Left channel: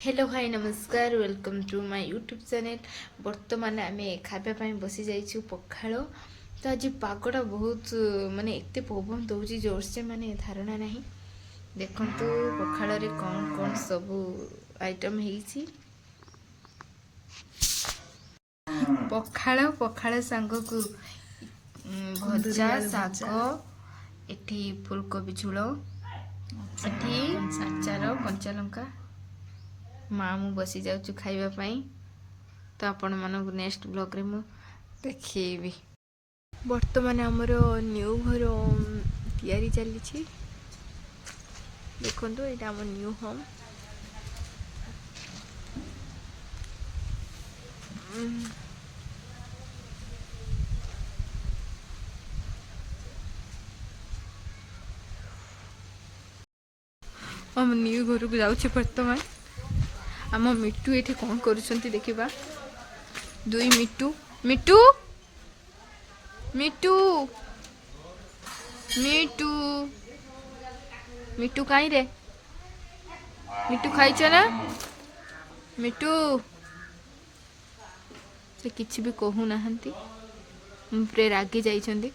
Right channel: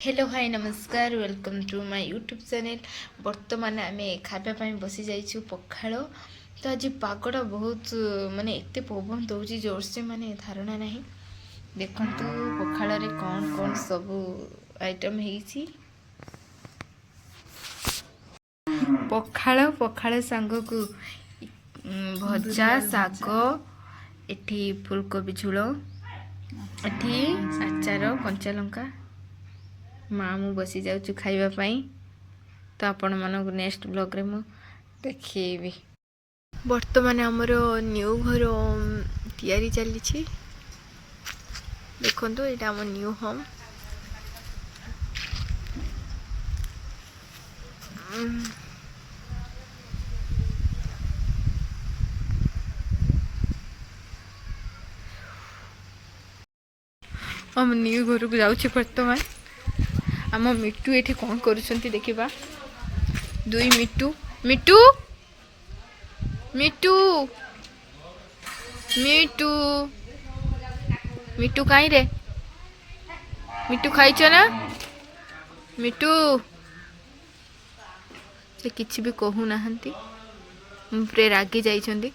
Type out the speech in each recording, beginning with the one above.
Hello hi नमस्कार welcome to my YouTube channel. बर्तमान आम खावाई बसी जाइछु पखाल। तो आज पागटा बहुत माने एत पवन दौर जोर से माने धारणा नहीं। देखु पखाल रे कौन कौन सब आइटम है। पखाल पखाल सांग को भजा शाग, एठी फुलकोबी झोल, एठी आचार कंचा लंका। माँ मु बसी जाऊँ खाइबापी। तो आपण मानक नेक्स्ट ब्लॉग रे मु देखिए। बर्तमान आमर न्यू घर तैयारी चली। देखो यहाँ आम न्यू होम। हम न्यू घर को जाऊँ बर्तमान। आम मिट्टू ये कौन करुँच देखा। दुई मिट्टू मिट्टू मिट्टू मिट्टू मिट्टू कहीं रे। मिट्टू खाइच ना। मिट्टू से किसी भी कहू ना मुझे रागी जाइछंती।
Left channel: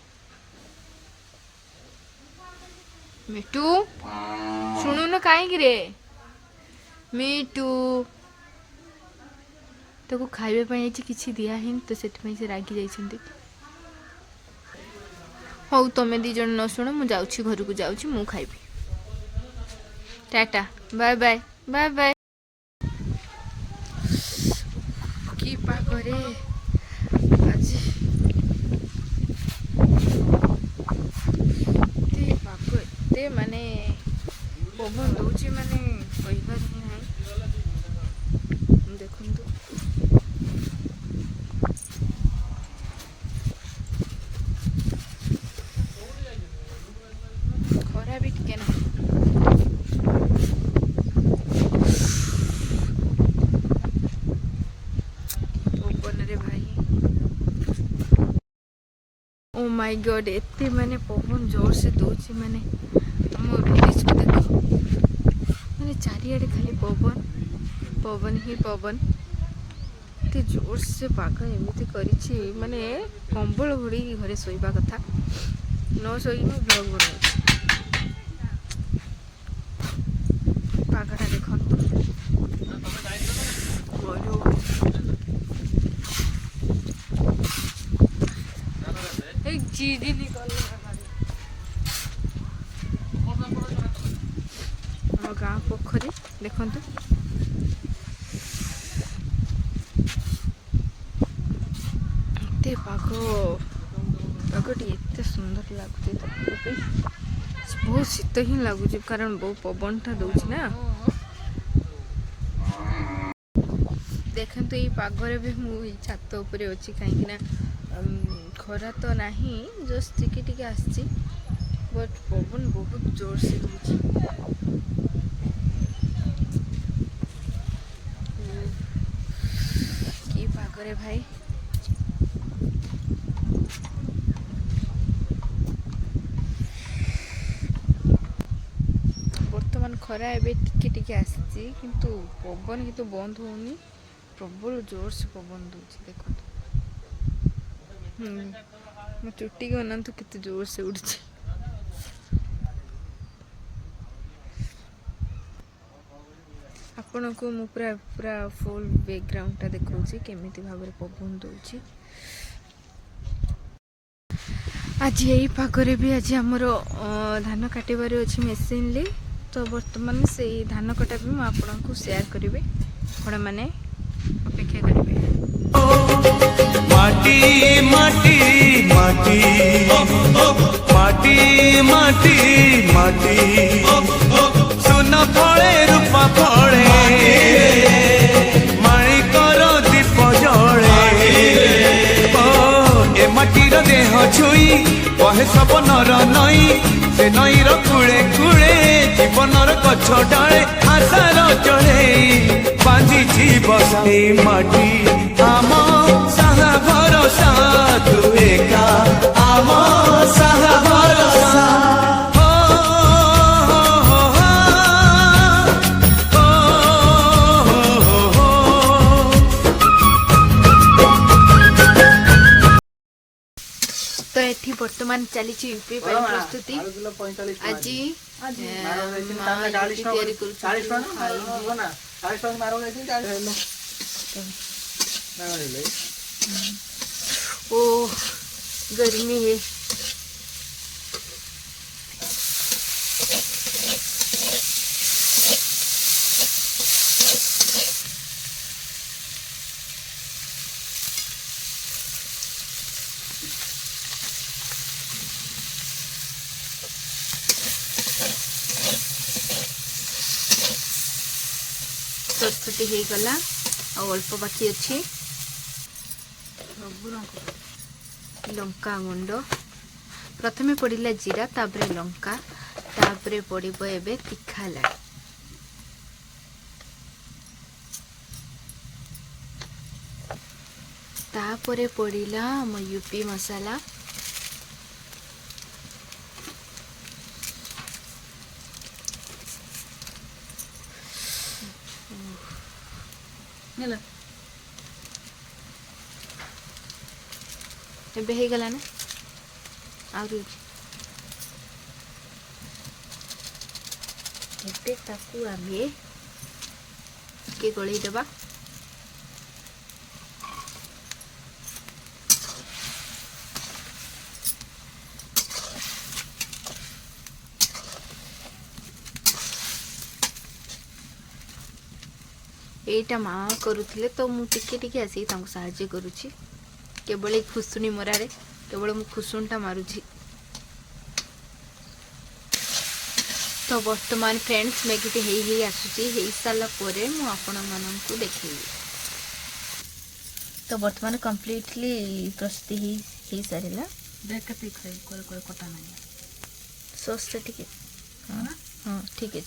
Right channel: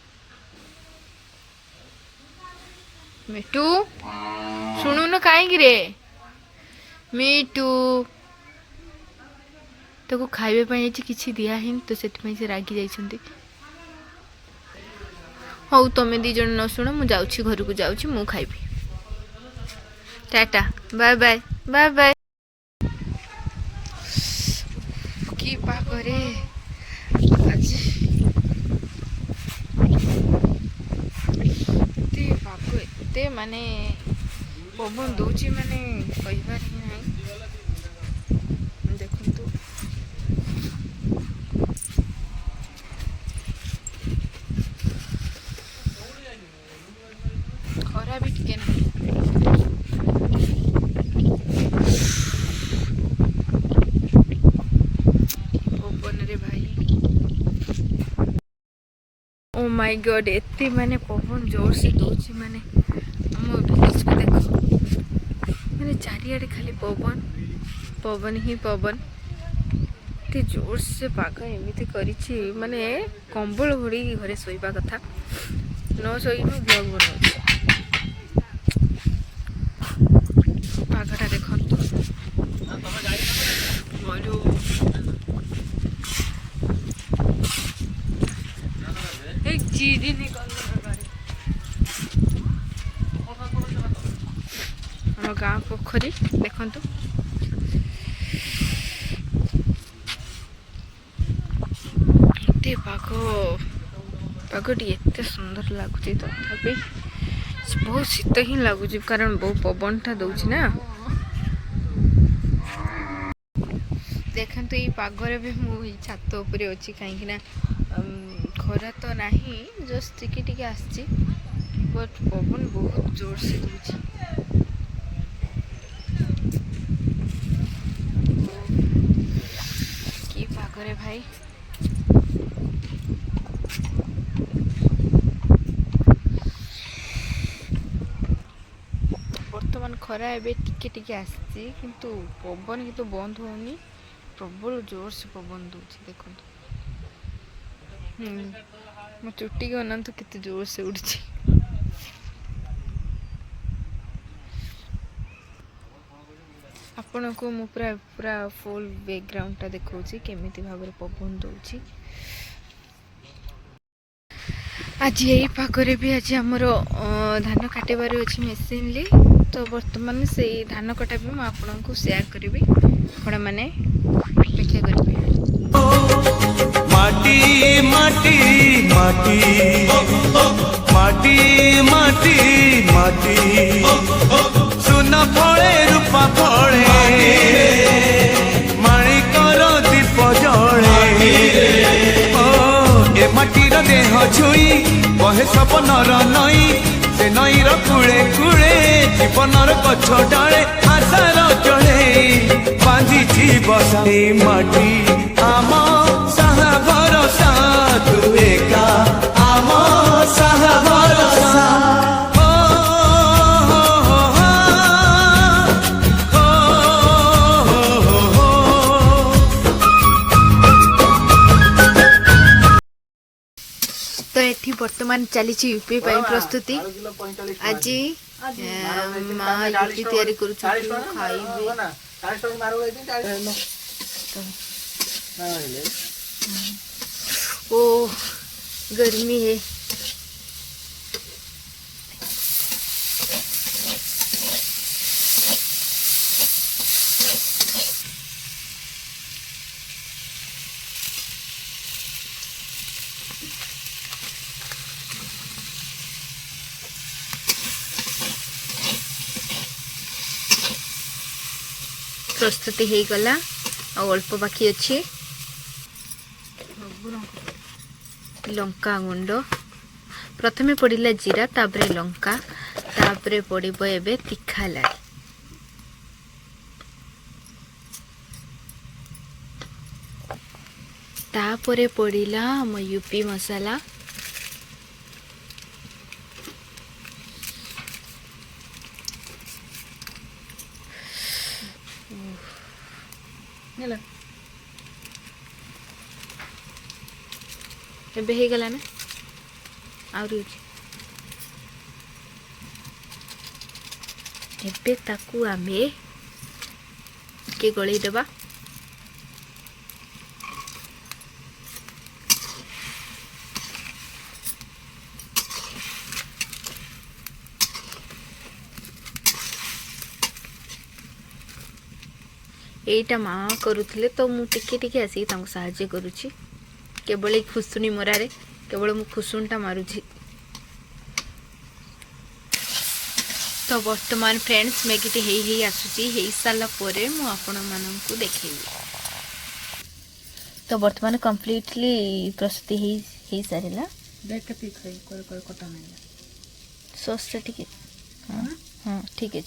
मिट्टू शुणु न कहीं रे। मिट्टू तो खाइबा किसी दिहे तो से रागी जाइछंती। हौ तमें दी जन न शुण मु जाऊँ घर को जाऊँ मु खाइबी। Tata bye bye bye bye. की पागरे आज पाग एते माने पवन दौची माने कहबार ही नहीं। देखो खरा भी टिके ना। पवन रे भाई ओ माय गॉड एते माने पवन जोर से दौची माने हम विलेज को देखो माने चारिआडे खाली पवन पवन ही पवन। एते जोर से पाग एमती करिछि माने कंबल घोड़ी घरे सोइबा कथा न सोई मु ब्लॉग बनाउछि। पागटा देखंतु बोलू एक जीडी निकल हम गाँ पोखरी देखंतु। एते पागटी एते सुंदर लगुच। तथापि बहुत शीत ही लगुच कारण बहुत पवन टा दौच ना। देखते ये पागरे भी मु छात उपरे अच्छी कहीं खरा तो नहीं जस्ट टिके टिके आसची बट पवन बहुत जोर से दौच। की पागरे भाई बर्तमान खरा एबे टिके टिके आसची किंतु पवन किंतु बंद होनी। प्रबल जोर से पवन दौच देखो। मो चुट्टी के अनंत कितने जोर से उड़ी। आपण को मु पूरा पूरा फुल बैकग्राउंड टा देखौछि केमिति भाबरे पवन दौची। आज यही पागरे भी आज आमर धान काटिबार अच्छी मेसीन ली। तो बर्तमान से धान कटा भी मुझे आपको शेयर करी आपण मैंने अपेक्षा करेंगे। माटी माटी माटी माटी माटी माटी सुन फले रूपा फले माणिकर दीप जले। ए माटीर देह छुई कहे सपनर नई से नईर कूले कूले जीवनर गछ डाले आशार जड़े बांधी बसा। माटी आम साहा भरोसा तू एका आम साहा भरोसा। हो हो हो हो ବର୍ତ୍ତମାନ ଚାଲିଛି ୟୁପି ପାଇଁ ପ୍ରସ୍ତୁତି। ଆଜି ରୁଟି ତିଆରି କରୁଛୁ। ओ गर्मी है। प्रस्तुति हो गला अल्प बाकी अच्छी। लंका गुंड प्रथमे पड़िला जीरा तापरे लंका तापरे पड़िबो एबे तीखा लाड़ी। तापरे पड़िला हम यूपी मसाला। एबे हे गला ना आउरी एबे ताकू आमे के गळी देबा। एटा माँ करुथिले तो मु टिके टिके आसी तांको सहाय्य करूची। केवल खुसुनी मरारे केवल मु खुसुनटा मारुची। तो वर्तमान फ्रेंड्स मैगी हे आसुची हे साला परे मु आपण माननकु देखेबी। तो वर्तमान कंप्लीटली प्रस्तुति हे सारिला। देख के पिक कोई कोई कटा नहीं सॉस ठीक है। हां ठीक है।